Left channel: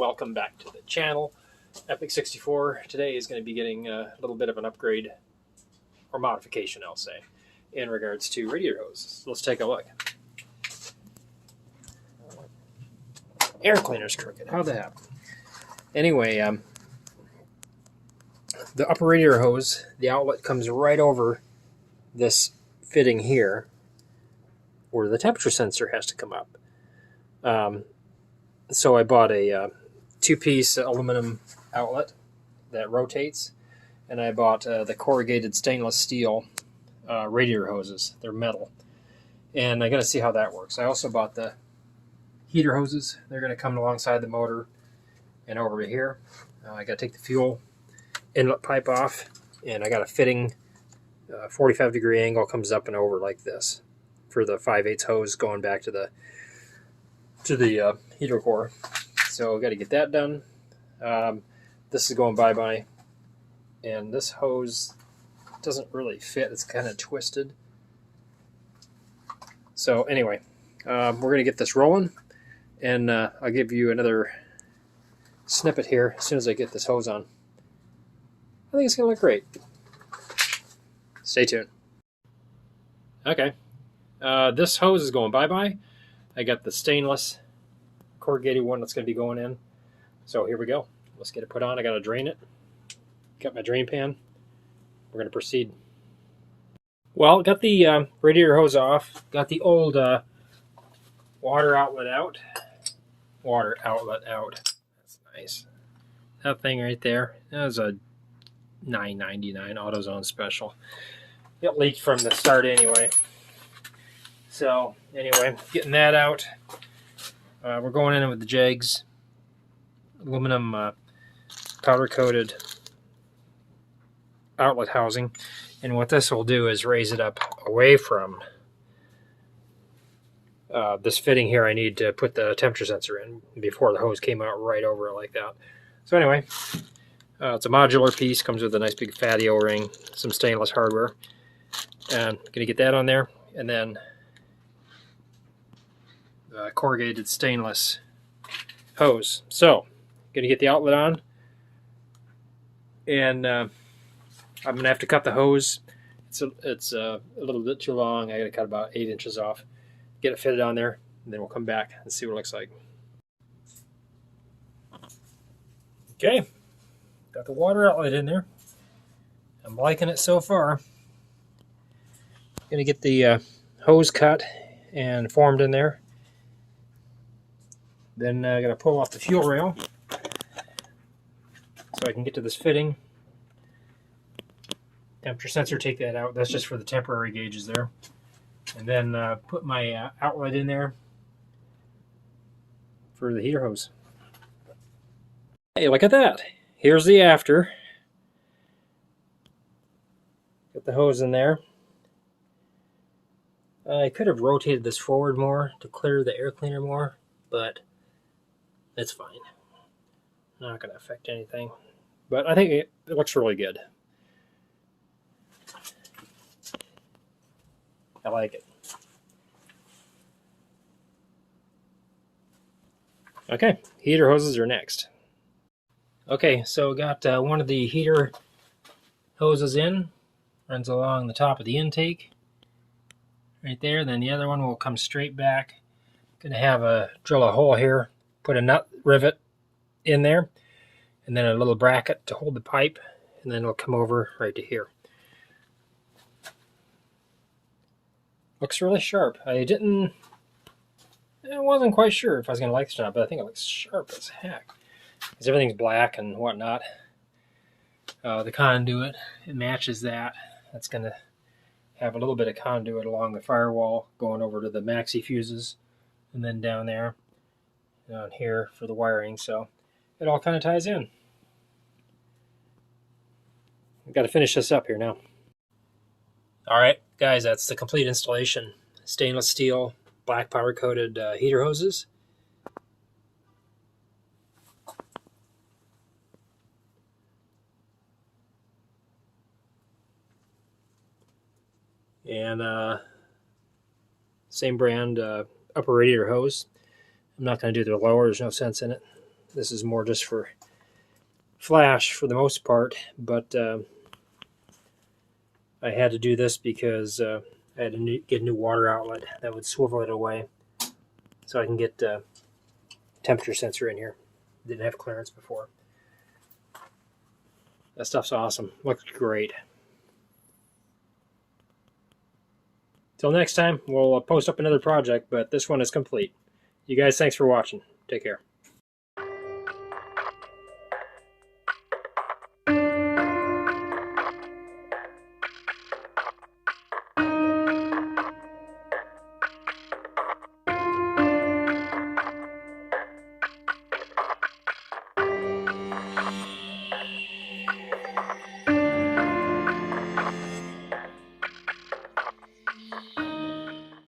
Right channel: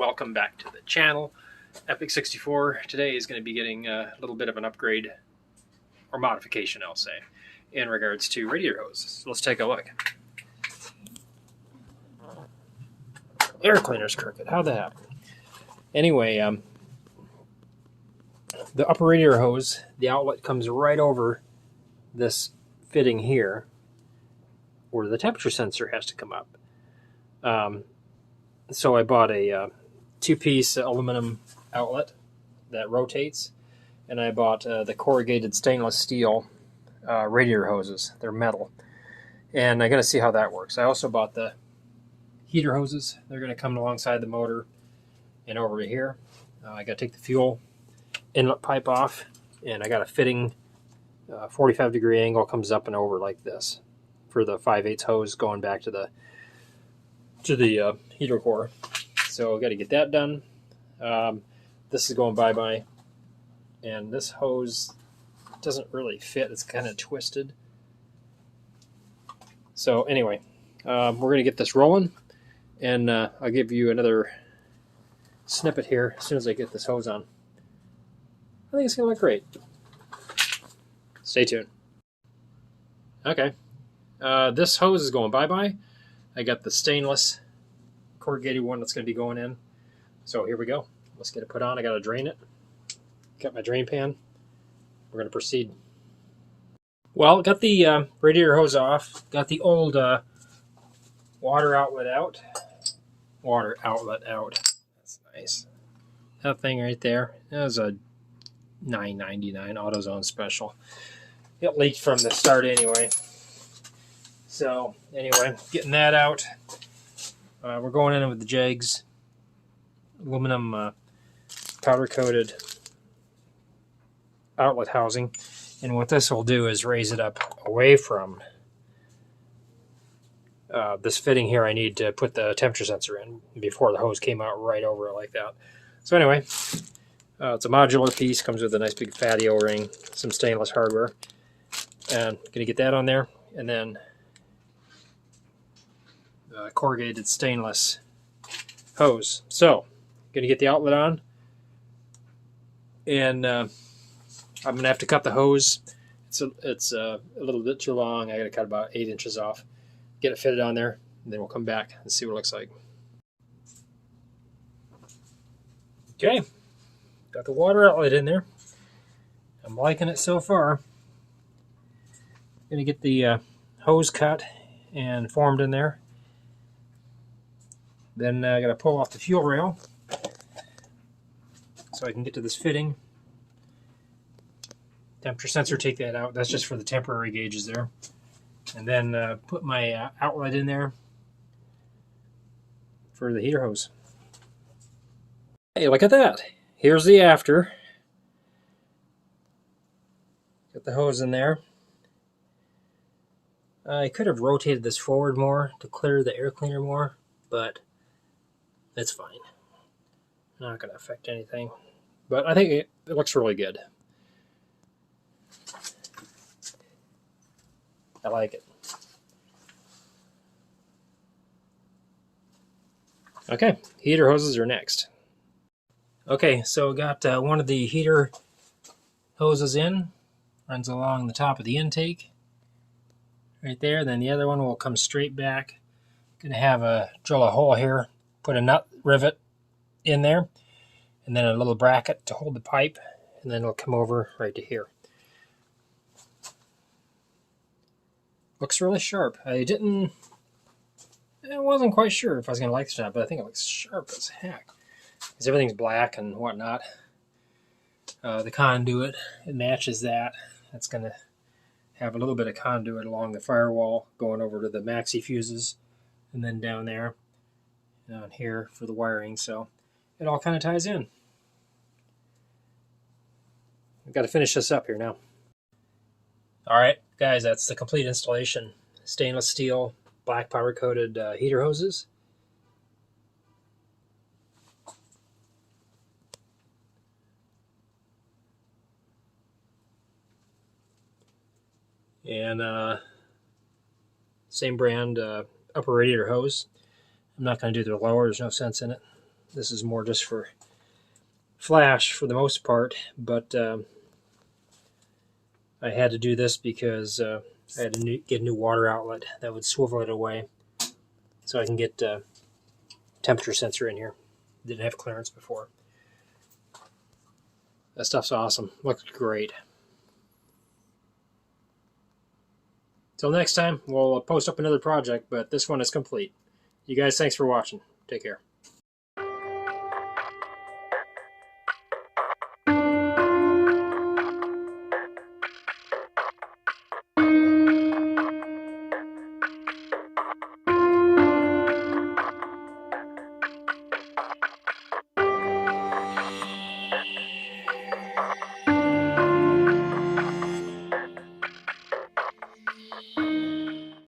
welcome back to the channel. Epic64 today is going to be getting a little bit of an upgrade, or modification I'll say, in regards to radiator hoses. So let's take a look. Air cleaner's crooked. How'd that happen? Anyway, the upper radiator hose, the outlet comes right over this fitting here, where the temperature sensor has to come up. So I bought a two-piece aluminum outlet that rotates, and I bought the corrugated stainless steel radiator hoses. They're metal, and I'm going to see how that works. I also bought the heater hoses. They're going to come alongside the motor and over to here. I got to take the fuel inlet pipe off, and I got a fitting 45-degree angle comes up and over like this for the 5/8 hose going back to the heater core. So I got to get that done. This is going bye-bye, and this hose doesn't really fit. It's kind of twisted. So anyway, we're going to get this rolling, and I'll give you another snippet here as soon as I get this hose on. I think it's going to look great. Stay tuned. Okay, this hose is going bye-bye. I got the stainless corrugated one that's going to be going in. So here we go. Let's get it put on. I got to drain it. Got my drain pan. We're going to proceed. Well, got the radiator hose off. Got the old water outlet out. Water outlet out. That's nice. That thing right there. That was a $9.99 AutoZone special. It leaked from the start anyway. So anyway, getting that out. We're going in with the JEGS aluminum powder coated outlet housing, and what this will do is raise it up away from this fitting here. I need to put the temperature sensor in before the hose came out right over it like that. So anyway, it's a modular piece, comes with a nice big fatty O-ring, some stainless hardware, and gonna get that on there, and then corrugated stainless hose. So gonna get the outlet on, and I'm gonna have to cut the hose. It's a little bit too long. I gotta cut about 8 inches off, get it fitted on there, and then we'll come back and see what it looks like. Okay, got the water outlet in there. I'm liking it so far. Gonna get the hose cut and formed in there. Then I'm going to pull off the fuel rail so I can get to this fitting. Temperature sensor, take that out. That's just for the temporary gauges there. And then put my outlet in there for the heater hose. Hey, look at that. Here's the after. Got the hose in there. I could have rotated this forward more to clear the air cleaner more, but it's fine. Not going to affect anything. But I think it looks really good. I like it. Okay, heater hoses are next. Okay, so got one of the heater hoses in. Runs along the top of the intake. Right there. Then the other one will come straight back. Going to have drill a hole here. Put a nut rivet in there, and then a little bracket to hold the pipe, and then it'll come over right to here. Looks really sharp. I wasn't quite sure if I was going to like this or not, but I think it looks sharp as heck. Because everything's black and whatnot. The conduit, it matches that. That's going to have a little bit of conduit along the firewall going over to the maxi fuses, and then down there. Down here for the wiring, so it all kind of ties in. I've got to finish this up here now. Alright guys, that's the complete installation. Stainless steel, black powder coated heater hoses. And same brand upper radiator hose. I'm not going to do the lower, there's no sense in it. This is more just for flash for the most part, but I had to do this because I had to get a new water outlet that would swivel it away so I can get temperature sensor in here. Didn't have clearance before. That stuff's awesome. Looks great. Till next time, we'll post up another project, but this one is complete. You guys, thanks for watching. Take care.